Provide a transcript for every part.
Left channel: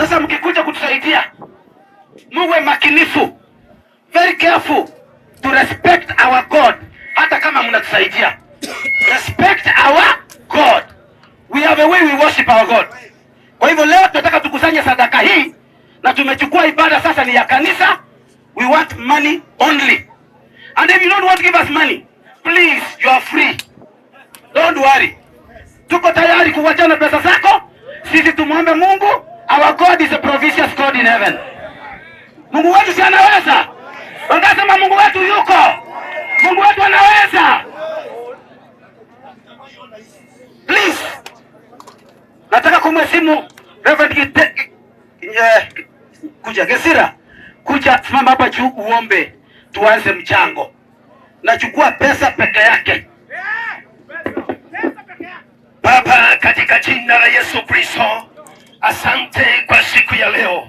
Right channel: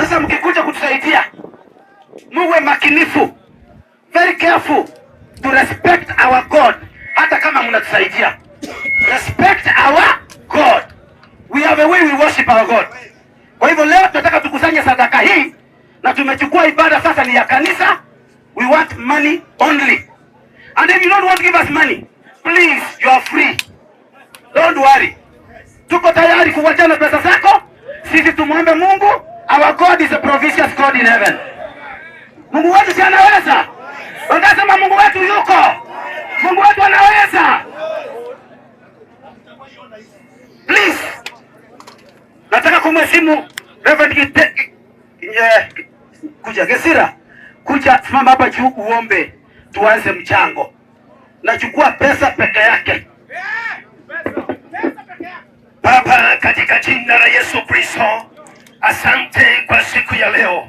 Sasa mkikuja kutusaidia, muwe makinifu, very careful to respect our God. Hata kama mnatusaidia, respect our God. We have a way we worship our God. Kwa hivyo leo tunataka tukusanye sadaka hii, na tumechukua ibada sasa ni ya kanisa. We want money only. And if you don't want to give us money, please, you are free. Don't worry. Tuko tayari kuwachana pesa zako. Sisi tumwombe Mungu. Our God is a provincial God in heaven. Mungu wetu si anaweza? Wanasema Mungu wetu yuko. Mungu wetu anaweza. Please. Nataka kumheshimu Reverend kuja Gesira. Kuja simama hapa juu uombe tuanze mchango. Nachukua pesa peke yake. Baba, katika jina la Yesu Kristo, asante kwa siku ya leo.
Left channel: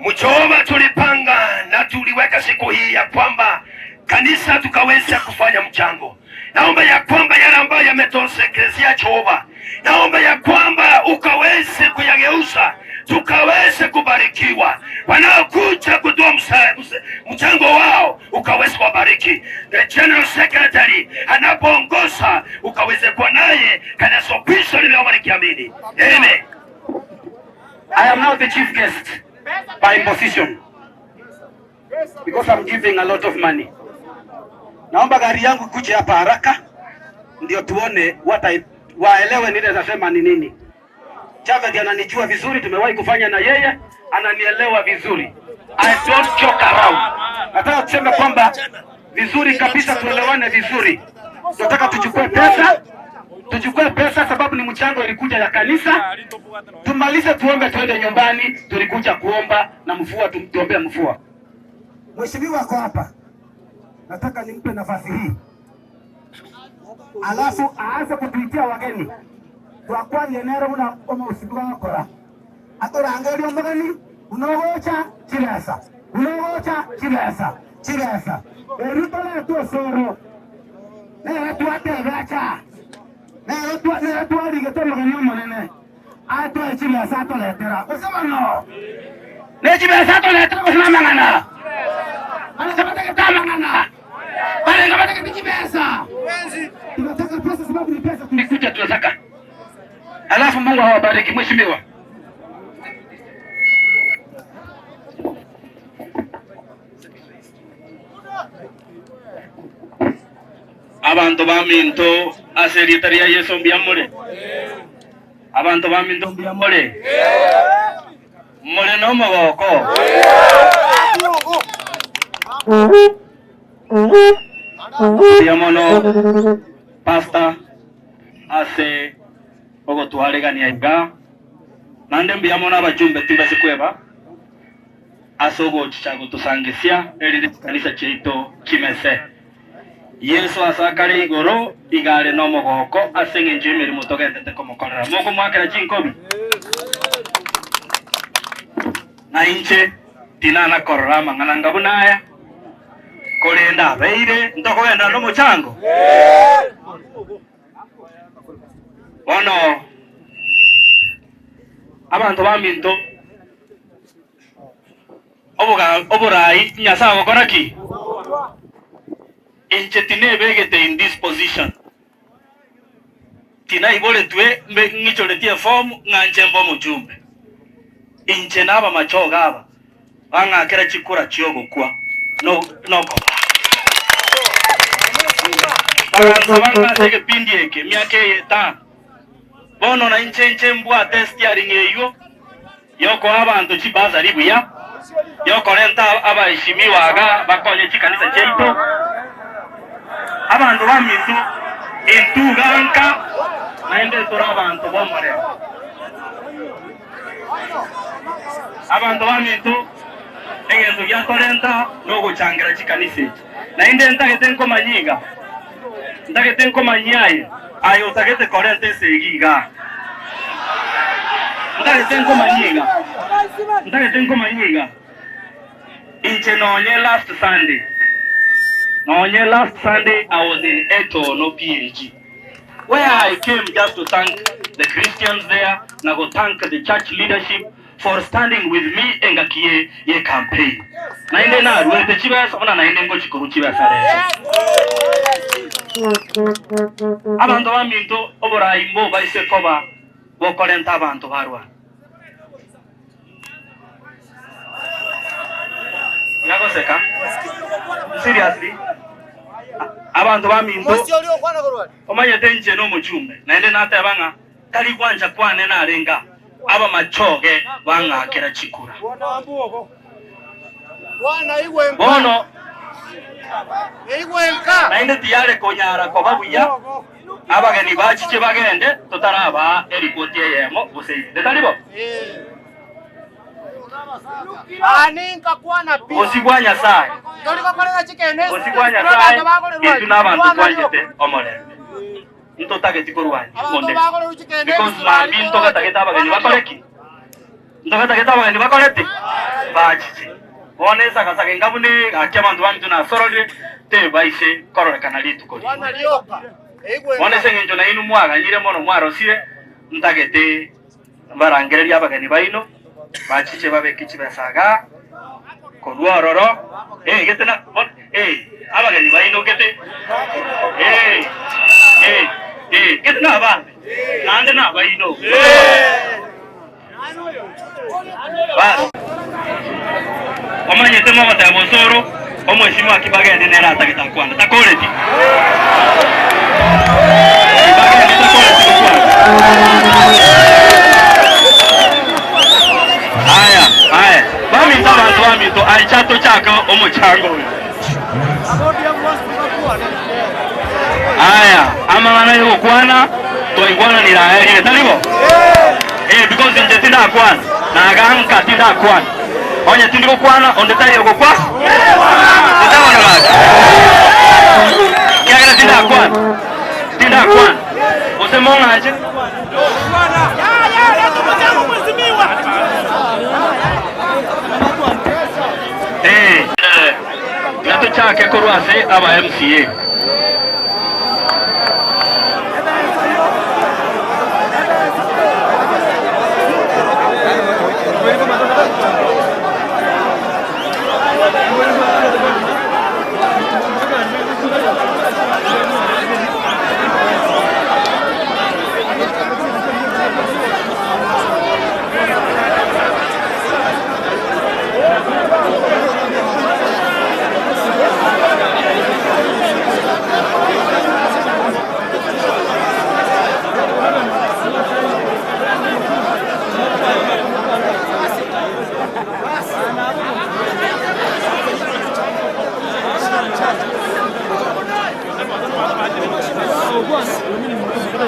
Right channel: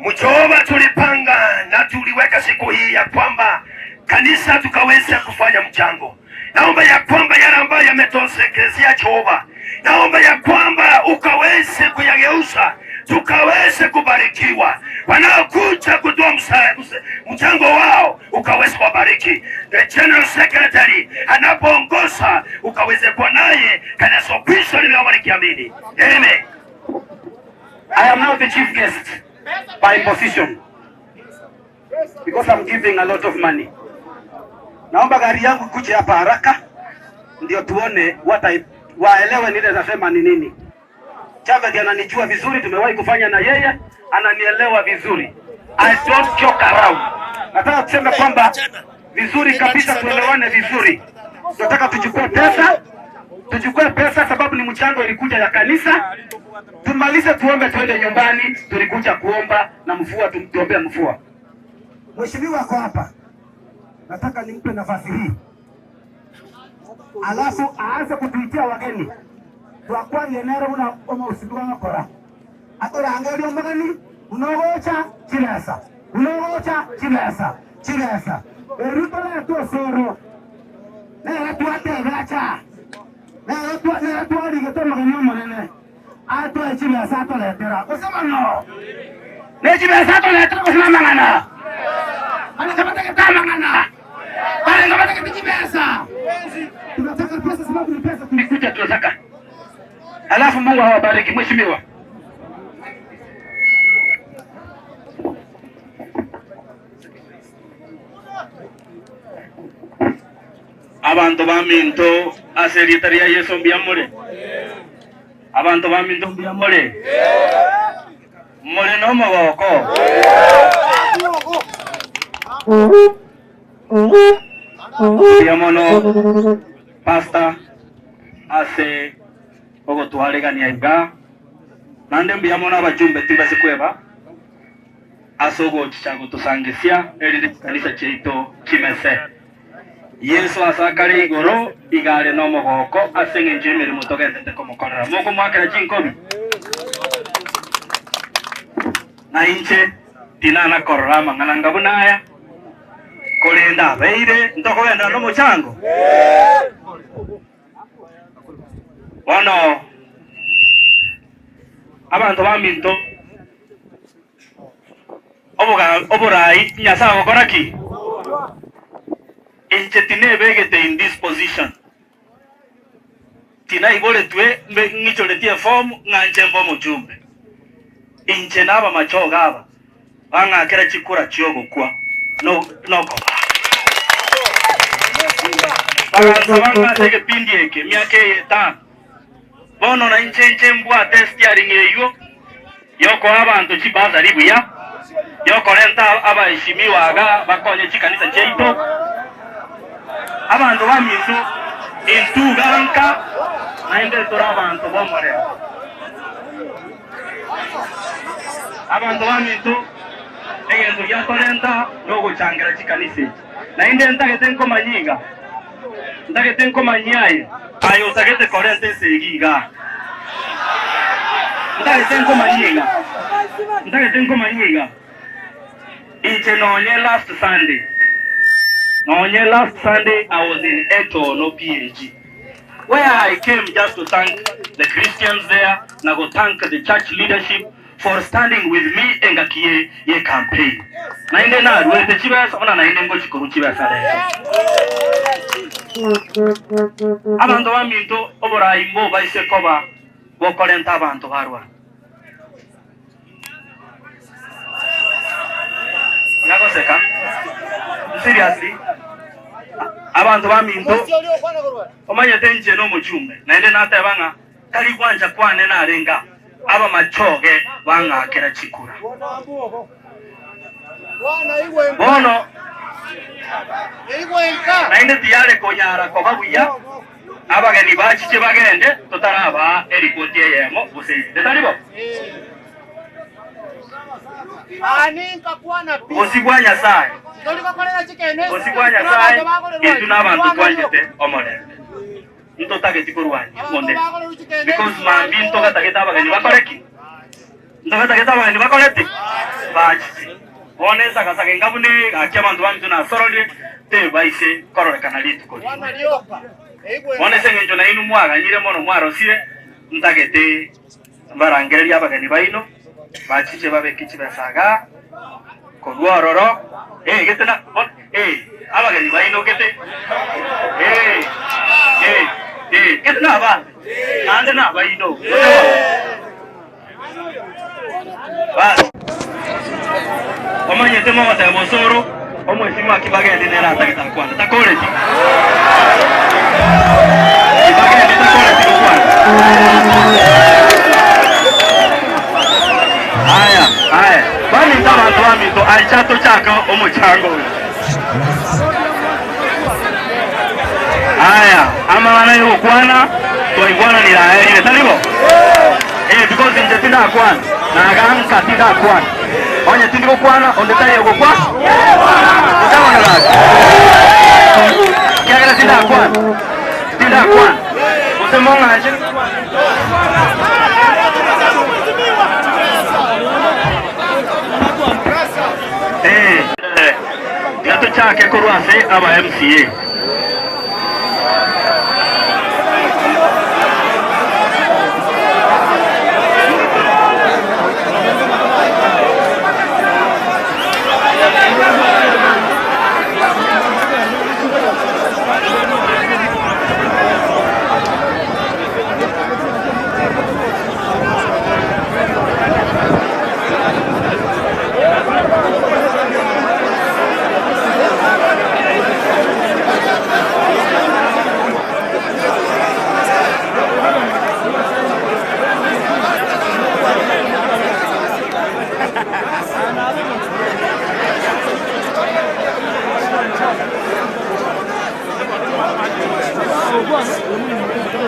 Mjomba, tulipanga na tuliweka siku hii ya kwamba kanisa tukaweza kufanya mchango. Naomba ya kwamba yale ambayo yametosekezea Jehova, naomba ya kwamba ukaweze kuyageuza tukaweze kubarikiwa. Wanaokuja kutoa mchango wao ukaweze kubariki. The General Secretary anapoongoza ukaweze kuwa naye kanisa Kristo linalobarikiamini. Amen. I am now the chief guest by position because I'm giving a lot of money. Naomba gari yangu kuja hapa haraka ndio tuone waelewe nile nasema ni nini. Chama ananijua vizuri, tumewahi kufanya na yeye, ananielewa vizuri. I don't joke around. Nataka kusema kwamba vizuri kabisa, tuelewane vizuri. Tunataka tuchukue pesa sababu ni mchango ilikuja ya kanisa. Tumalize tuombe tuende nyumbani, tulikuja kuomba na mvua tuombea mvua. Mheshimiwa wako hapa. Nataka nimpe nafasi hii. Alafu aanze kutuitia wageni. Twakwa yenero una usibiwa ngakora. Atora angelio magani unogocha chirasa. Unogocha chirasa. Chirasa. Eruto na tu soro. Na tu ategacha. Na tu aligeto magani monene. Ato chirasa ato letera. Usema no. Ne chirasa ato letera usema mangana. Ana kama taka mangana. Ana kama taka chibesa. Tunataka pesa sababu ni pesa tulikuja tunataka. Alafu Mungu awabariki mheshimiwa. Abantu baminto aseritaria Yesu mbiamole. Abantu baminto mbiamole. Mole no mogoko. Biamono pasta ase ogo tuharegania inga nande mbiyamona abajumbe timbase kweba asogo chichago tusangesia erire kanisa cheito kimese Yesu asakari igoro igare no mogoko asenge njimiri mutogete komokorera moko mwakera chinkobi na inche tinana korora mangana ngabunaya kolenda beire ndoko enda no mochango Ono abantu baminto oburai nyasa gokoraki inche tinebegete in this position tina ibole twe ngicholetie form nganje mbo mujumbe inche naba machoga aba bangakera chikura chiogo kwa no banga sege pindieke miake eta bono na inche mbwa testiaring eyo yoko abantu chibaza libuya yoko renta abaheshimiwa aga bakonye chikanisa cheito abantu bamintu entuganka naende tora abantu bomore abantu bamintu egento yakorenta logo changira chikanisa naende ntagetenko manyiga ntagetenko manyaye ayo tagete korente segiga ntagetenko manyiga inche nonye last Sunday I was in Eto no PhD where I came just to thank the Christians there na go thank the church leadership for standing with me engakie ye campaign. Na ine na ruete chibasa ona na ine ngo chikuru chibasa leso. Abantu baminto obora imbo baise koba bokorenta abantu barwa. Yako seka? Seriously? Abantu baminto omanye tenje no muchumbe na ine nata banga kali kwanja kwane na renga aba machoge banga kera chikura bono na ine tiyale konyara ko babuya abageni bachiche bagende totaraba erikoti yemo buseide talibo aninka kwana pi osibwanya sai osibwanya sai etuna abantu twanjete omolende into target kurwanya monde because mandi into kata abageni bakoreki into kata abageni bakoreti bachiche one saka saka ngabune akyabantu bantu na sorole te baise korore kanalitu ko one sengenjo na inu mwaga nyire mono mwaro sire ntagete barangeri abageni baino bachiche babekichi basaga kodwororo getena abageni baino gete getena ba nande na baino ba omanye tema mata mosoro omweshima kibagende nera takita kwanda takoreti kibagende takoreti kwanda aya bami ndabantu bamito aichato chaka omuchango aya ama bana yo kwana to ingwana ni la ile talibo because nje tinda kwana na ganka tinda kwana onye tindiko kwana onde tali yo kwa ndawa na la ya tinda kwana osemonga aje gato chake kurwase aba MCA